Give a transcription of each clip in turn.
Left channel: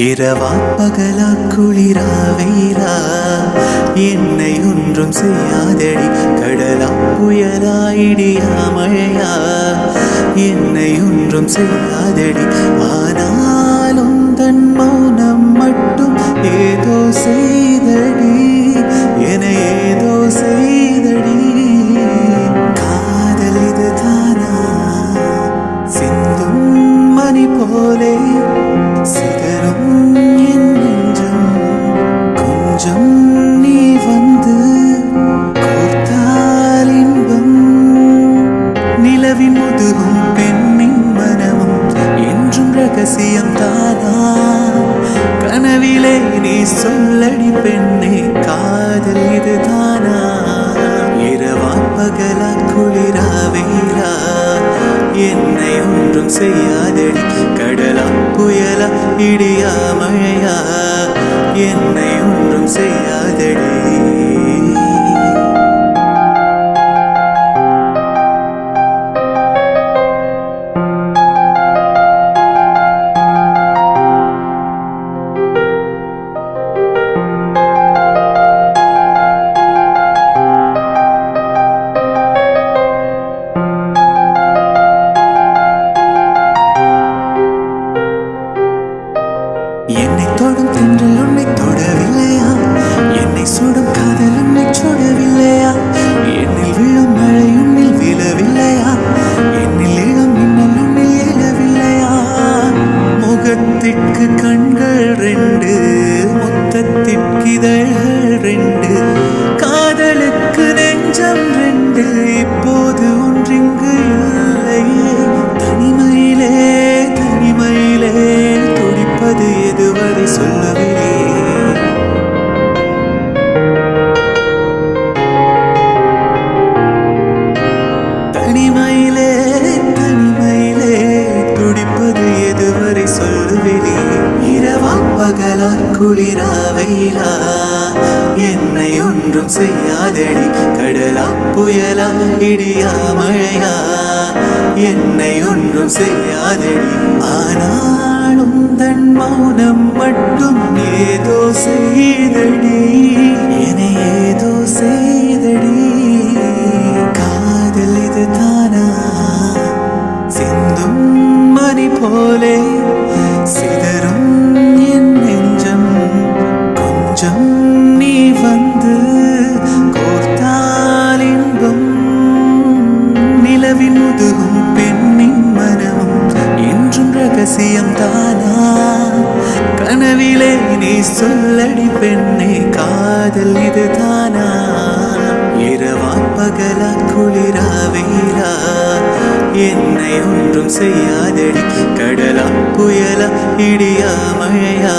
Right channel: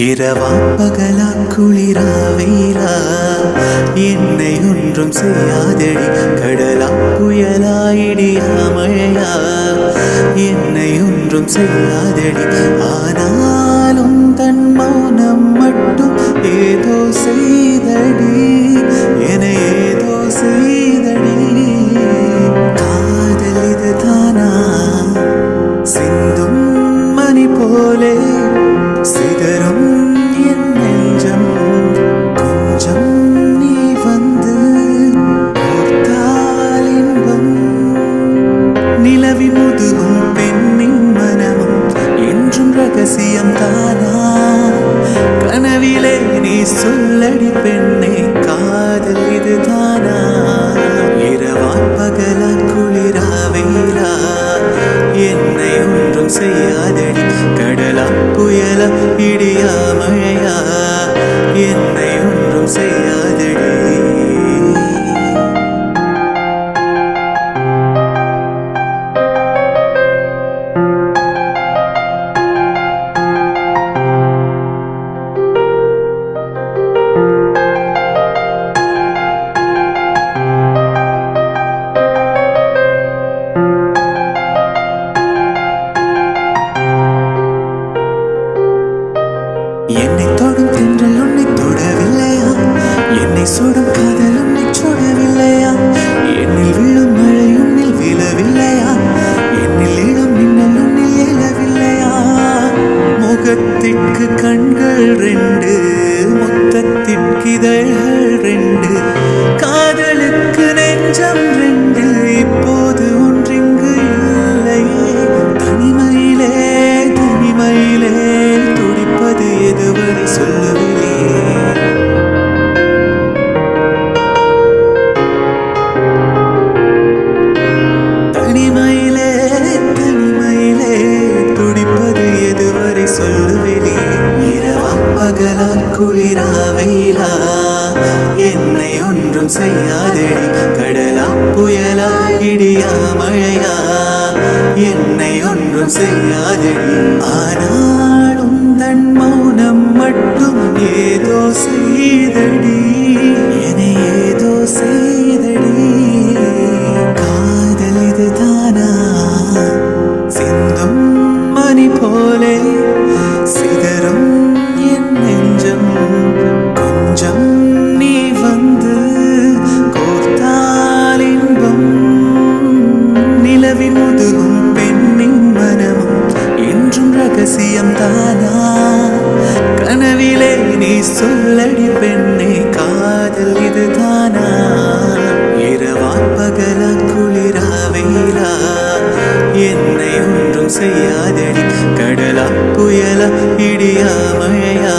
இரவா பகலா குளிரா வெயிலா என்னை ஒன்றும் செய்யாதடி. கடலா புயலா இடியா மழையா என்னை ஒன்றும் செய்யாதடி. ஆனாலும் தன் மௌனம் மட்டும் ஏதோ செய்தடி, என ஏதோ செய்தடி. காதல் இதுதானா சிந்தும் மணி போலே சிதறும் என் நெஞ்சம். கொஞ்சம் நீ வந்து கோர்த்தால் இன்பம். நிலவின் முதுகும் பெண்ணின் மனமும் என்றும் ரகசியம் தானா. கனவிலே நீ சொல்லடி பெண்ணே, காதல் இது தானா. இரவா பகலா குளிரா வெயிலா என்னை ஒன்றும் செய்யாதடி. கடலா புயலா இடியா மழையா என்னை ஒன்றும் செய்யாதடி. என்னை தொடும் தென்றல் உன்னை தொடவில்லையா? என்னை சுடும் காதல் உன்னை சுடவில்லையா? என்னில் விழும் மழை உன்னில் விழவில்லையா? என்னில் இழும் மின்னல் உன்னில் எழவில்லையா? முகத்திற்கு கண்கள் ரெண்டு, முத்தத்திற்கு இதழ்கள் ரெண்டு, காதலுக்கு நெஞ்சம் ரெண்டு, இப்போது ஒன்றிங்கு இல்லையே. தனிமையிலே தனிமையிலே துடிப்பது எதுவரை சொல்லுவிலே. தனிமையிலே தனிமையிலே துடிப்பது எதுவரை சொல்லுவிலே. இரவா பகலா குளிரா வெயிலா என்னை ஒன்றும் செய்யாதடி. கடலா புயலா இடியா மழையா என்னை ஒன்றும் செய்யாதடி. ஆனாலும் தன் மௌனம் மட்டும் ஏதோ செய்தடி, என ஏதோ செய்தடி. காதல் இது தானா சிந்தும் மணி போலே சிதறும் என் நெஞ்சம். கொஞ்சம் நீ வந்து கோர்த்தால் இன்பம். நிலவின் முதுகும் பெண்ணின் மனமும் என்றும் ரகசியம் தானா. கனவிலே நீ சொல்லடி பெண்ணே, காதல் இது தானா. இரவா பகலா குளிரா வெயிலா என்னை ஒன்றும் செய்யாதடி. கடலா புயலா இடியா மழையா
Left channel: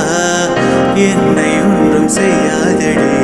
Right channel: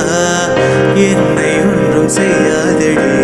என்னை ஒன்றும் செய்யாதடி.